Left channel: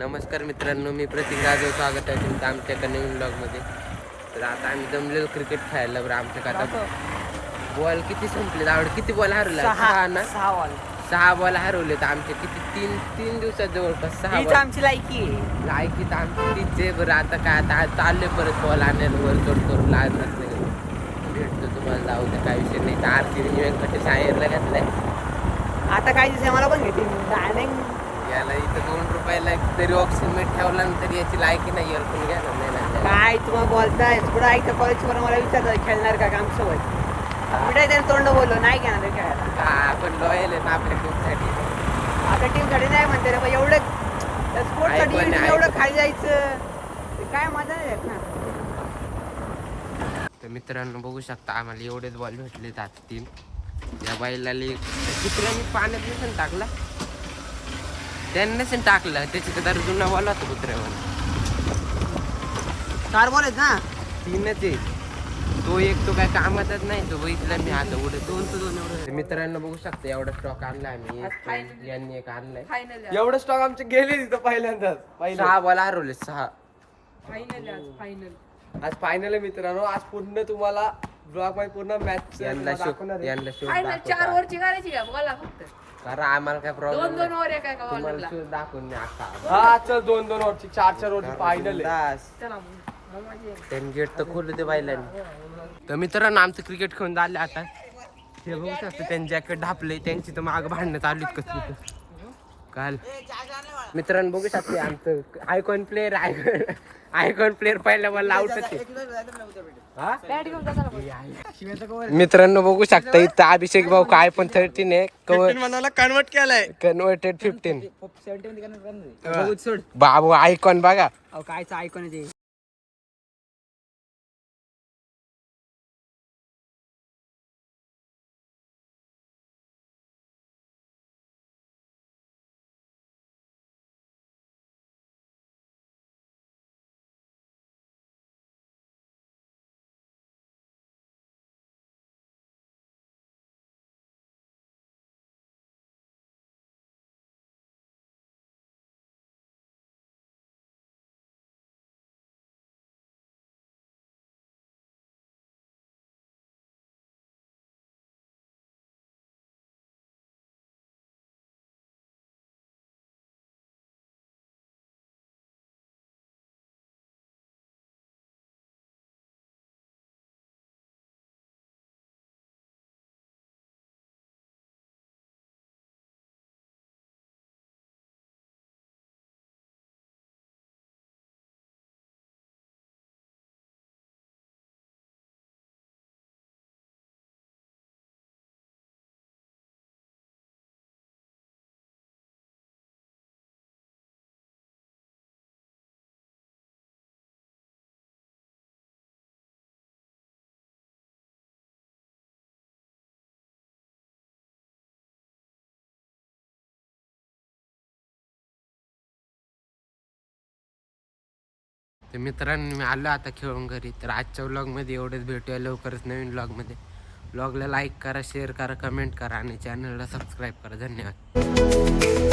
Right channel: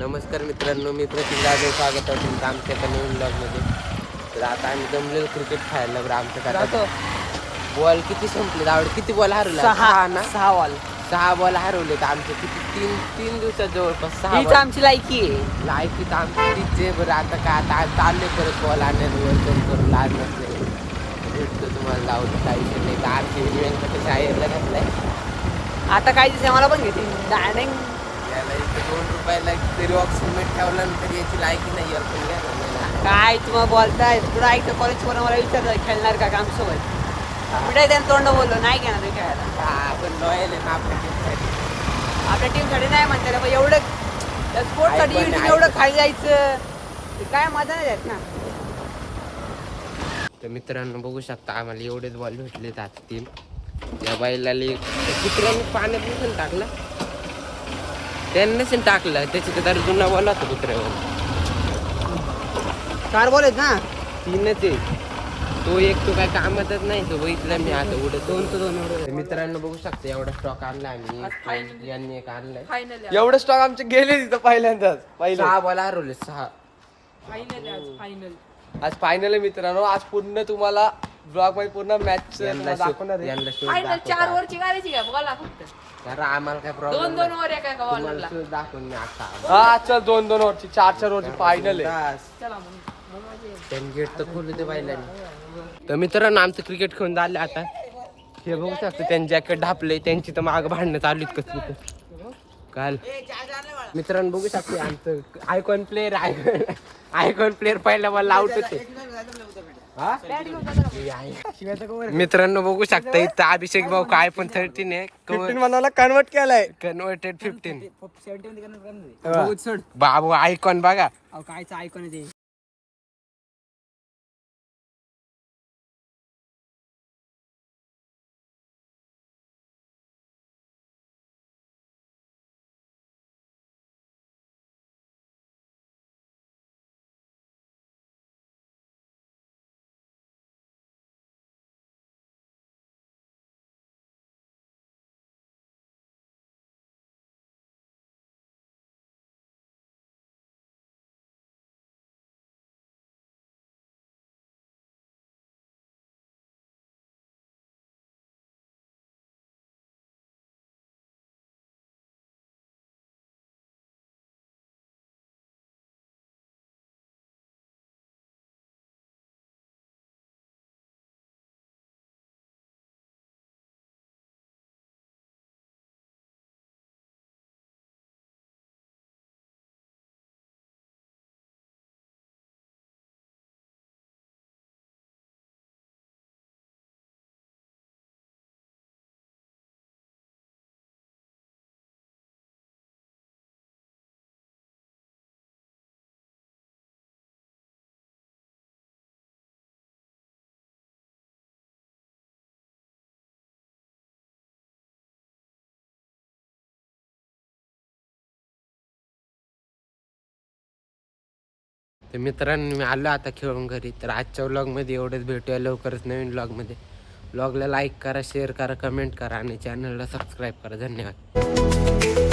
नमस्कार मित्रांनो, मी प्रतीक जाधव, स्वागत आहे तुमचं आमच्या एका नवीन ब्लॉगमध्ये. तर आता आम्ही जमलेलो क्रिकेट खेळायला. बरं आमच्या आता बॉल किती संपले? आवड किती बॉल हरवले? 6 ना, 6 बॉल हरवले. तर आमचे किती तीन दिवसात जवळपास 6 बॉल. आमची लायकी आहे. लायकी तर आमची तीच आहे. बरं आता काय, आता चालले परत बॉल आणायला वर करून लहान नसले भेटतो तुम्हाला लावतं, काही विषय नाही. तर आरती व्यंकटेश शायरला घातलाय. आता काही दिवस मला पण घेते याला इथं 2 रुपयाला तरी ऑक्सिजन ठेवला ना तरी याची लायकी नाही. काय तुम्हाला बोलताय? तुला ऐकतं कॉलेज वर मला विचारत खेळणार का काम सोय कुठे त्यानं तोंड बोललो नाही घेणार ते खेळायला. आपण लॉयल आहे ना आपल्या टीमसाठी. आपल्या टीमसाठी नाही म्हणते रे बा, एवढं स्पोर्टसाठी एवढं खाली जायचं काय मजा नाही येत ना. तर मित्रांनो बघू शकता, आम्हाला एवढेच बॉल भेटले आता 3. या बैलाला कुत्र्याने पाण्यात नसेल टाकला, त्याने नसेल टाकलं, त्याची तर जुना बॉल होता कुत्र्यावर. 4 बॉल आहेत ना, 3च आहे. तो एक तो काय कामातच नाही. तो बघितला मी आता उडत 2-2 एवढं. मित्रांनो बघू शकता, एवढा स्टॉक आणला आम्ही. यांनी एक आणलाय. एवढे स्टॉक आमचे गेले तिथं पहिल्यांदाच. 6 बॉल हरवले, 6. आज फायनल आहे मित्रांनो. आज पूर्ण तुम्हाला ब्लॉग मध्ये पूर्ण मॅच यांना शोध कारण आम्हाला काय प्रॉब्लेम नाही. तुम्हाला शोध दाखवून मी आता हा चल 2-2 वरची 4-4 वरची फायनल आहे. त्यांनी गेट तर खोलू दे बैलांनी. तर मित्रांनो आमचं क्रिकेट खेळून झालं आता. हे बघू शकतो त्यांनी जॅकेट ढापले. त्यांची तर माग भांडणं चालू आहेत कसली तर काल. मित्रांनो बघू शकते आमचं आयकॉन प्लेअर पहिल्या मला आउट होते. मित्रांनो बघू शकता इथं अभिषेक भाऊ काय पण 13 आहे. मला कन्वर्ट केलाय. कन्वर्टेड 15. बाबू आयकॉन बघा. कायचं ऐकून ते तर मित्रांनो मी आलो आता खेळून घरी. तर आजच्या व्लॉगमध्ये एवढंच. भेटूया लवकरच नवीन व्लॉगमध्ये. व्लॉगला लाईक करा, शेअर करा, कमेंट करा आणि चॅनलला सबस्क्राईब करा. धन्यवाद.